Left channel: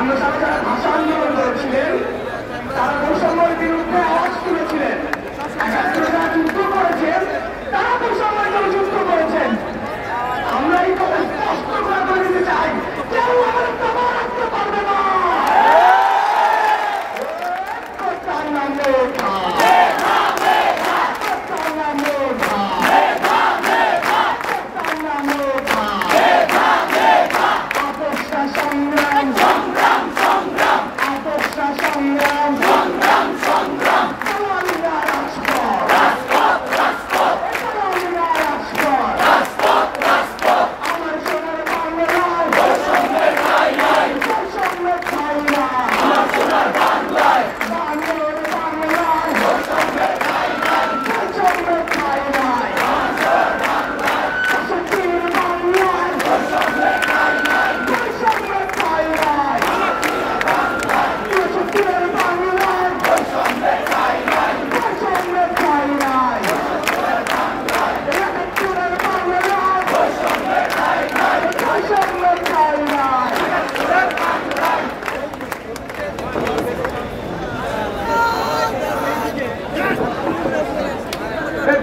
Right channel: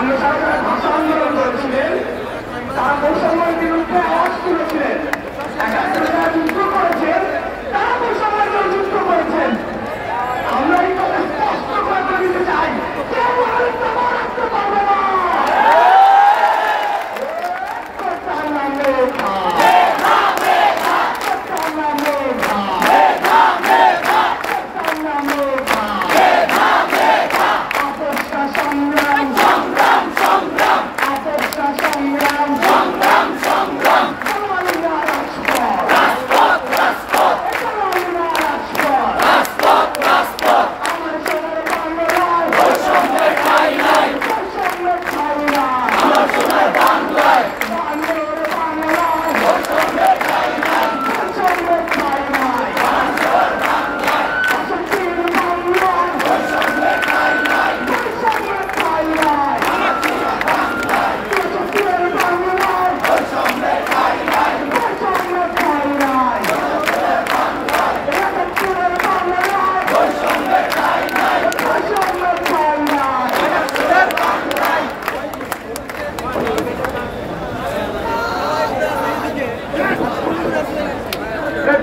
আমরা যারা যারা ভাষা আন্দোলন করেছিলেন তারা বৈষম্যের বিরুদ্ধে আওয়াজ তুলেছিলেন। একাত্তরে যারা যুদ্ধ করেছেন তারা বৈষম্যের যুদ্ধ করেছেন। আমরা এই কথা স্পষ্ট করে দিতে চাই, কেউ রাজত্ব করতে পারবে না।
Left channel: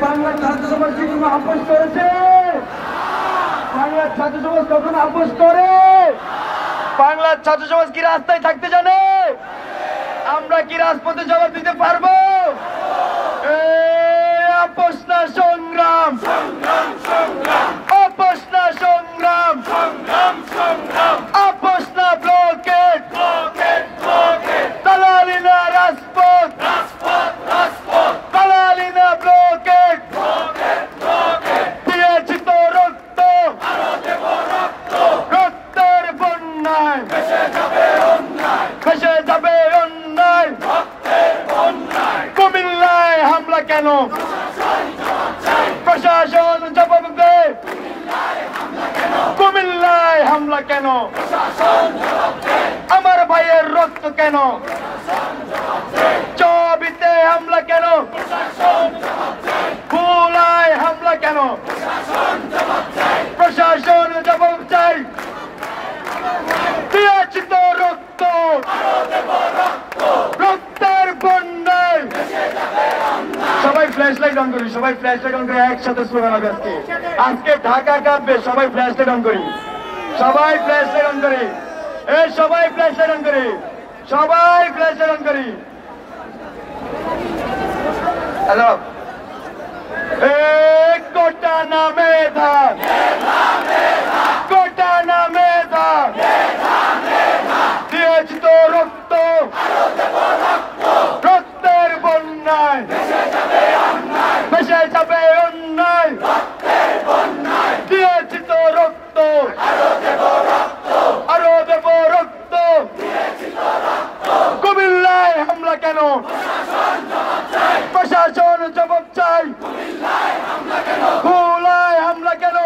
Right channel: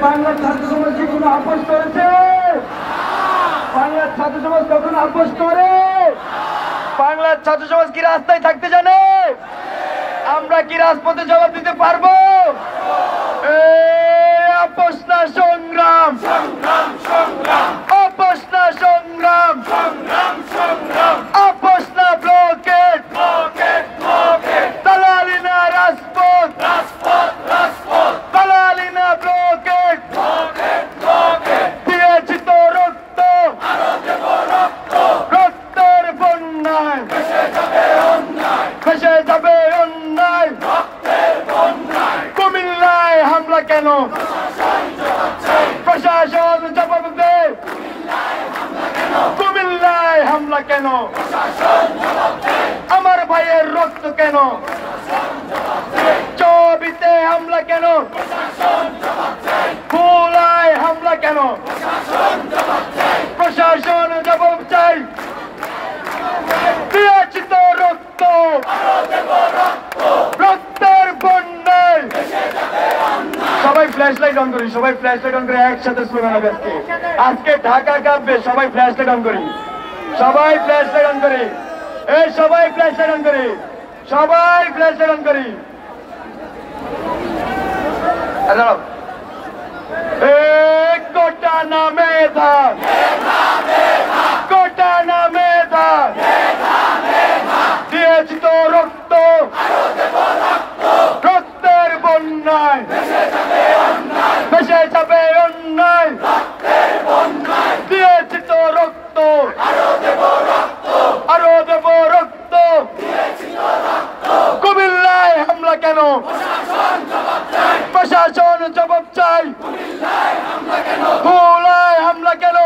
বাংলার ছাত্র সমাজ কি কোনো আপোষ করেছে? বাংলার ছাত্র সমাজ কখন আপোষ করে? বাংলার ছাত্র সমাজ কি রাস্তায় থাকতে জানে? আমরা কি রাজপথে জবাব দিতে পারবো? আপোষ না সংগ্রাম, আপোষ না সংগ্রাম, আপোষ না ব্লকেট, দালালি না রাজপথ, দালালি না ব্লকেট। দিয়েছি তো রক্ত, রক্তের বন্যায় ভেসে যাবে অন্যায়। কুমিল্লায় হামলা কেন? প্রশাসন জবাব দে। কুমিল্লায় হামলা কেন? আমার ভাইয়ের রক্ত কেন? চবিতে হামলা কেন? ভোলায় হামলা কেন? প্রশাসন জবাব চাই। দিয়েছি তো রক্ত, রক্তের বন্যায়। সবাই ফ্ল্যাশ লাইট অন করি, সবাই ফ্ল্যাশ লাইট অন করে একসাথে স্লোগান হবে আজকে। আজকে ঢাকা কাঁপবে, সবাই ফ্ল্যাশ লাইট অন করি, সবাই ফ্ল্যাশ লাইট অন করি, সবাই ফ্ল্যাশ লাইট অন করি, সবাই ফ্ল্যাশ লাইট অন করি। হ্যালো, কোটা না মেধা, কোটা না মেধা। দিয়েছি তো রক্ত, রক্তের বন্যায় ভেসে যাবে অন্যায়। দিয়েছি তো রক্ত, আরো দেব রক্ত। কুমিল্লায় হামলা কেন? প্রশাসন জবাব চাই। ভোলায় হামলা কেন?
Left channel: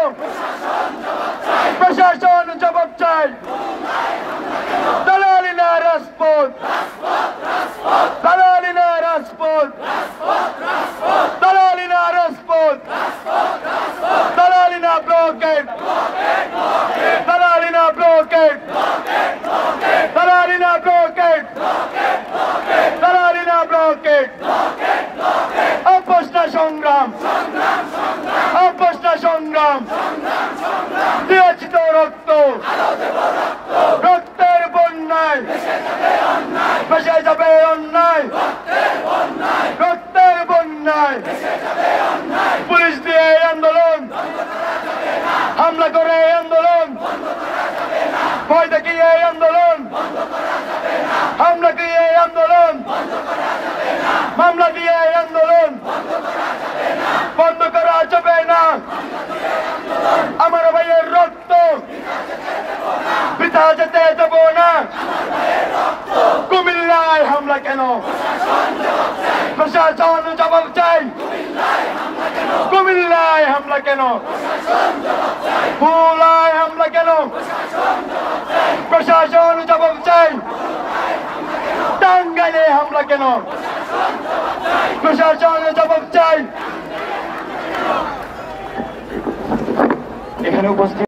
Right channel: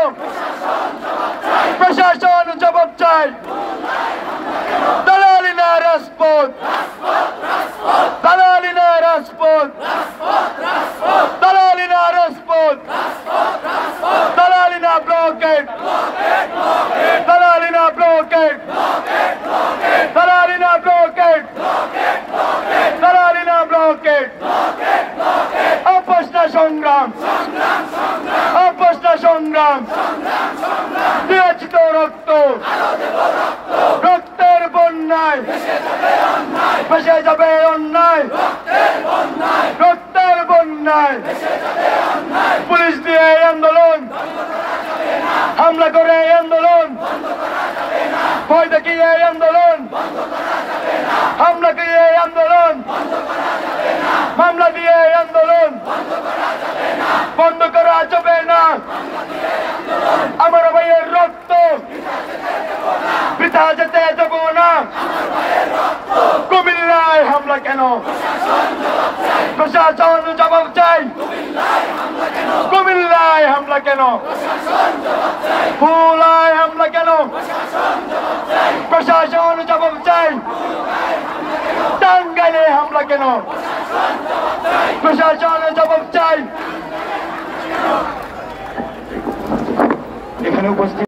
প্রশাসন জবাব চাই। দালালি না রাজপথ, দালালি না রাজপথ, দালালি না রাজপথ, দালালি না ব্লকেট, দালালি না ব্লকেট, দালালি না ব্লকেট, দালালি না ব্লকেট। আপোষ না সংগ্রাম, আপোষ না সংগ্রাম। দিয়েছি তো রক্ত, রক্তের বন্যায় ভেসে যাবে অন্যায়, রক্তের বন্যায়। পুলিশ দিয়ে আন্দোলন, হামলা করে আন্দোলন, ভয় দেখিয়ে আন্দোলন, হামলা দিয়ে আন্দোলন, মামলা দিয়ে আন্দোলন বন্ধ করা যাবে না। আমার ভাইয়ের রক্ত বৃথা যেতে দেব না। কুমিল্লায় হামলা কেন? প্রশাসন জবাব চাই। কুমিল্লায় হামলা কেন? ভোলায় হামলা কেন? প্রশাসন জবাব চাই। টাঙ্গাইলে হামলা কেন? প্রশাসন জবাব চাই। এখানে উপস্থিত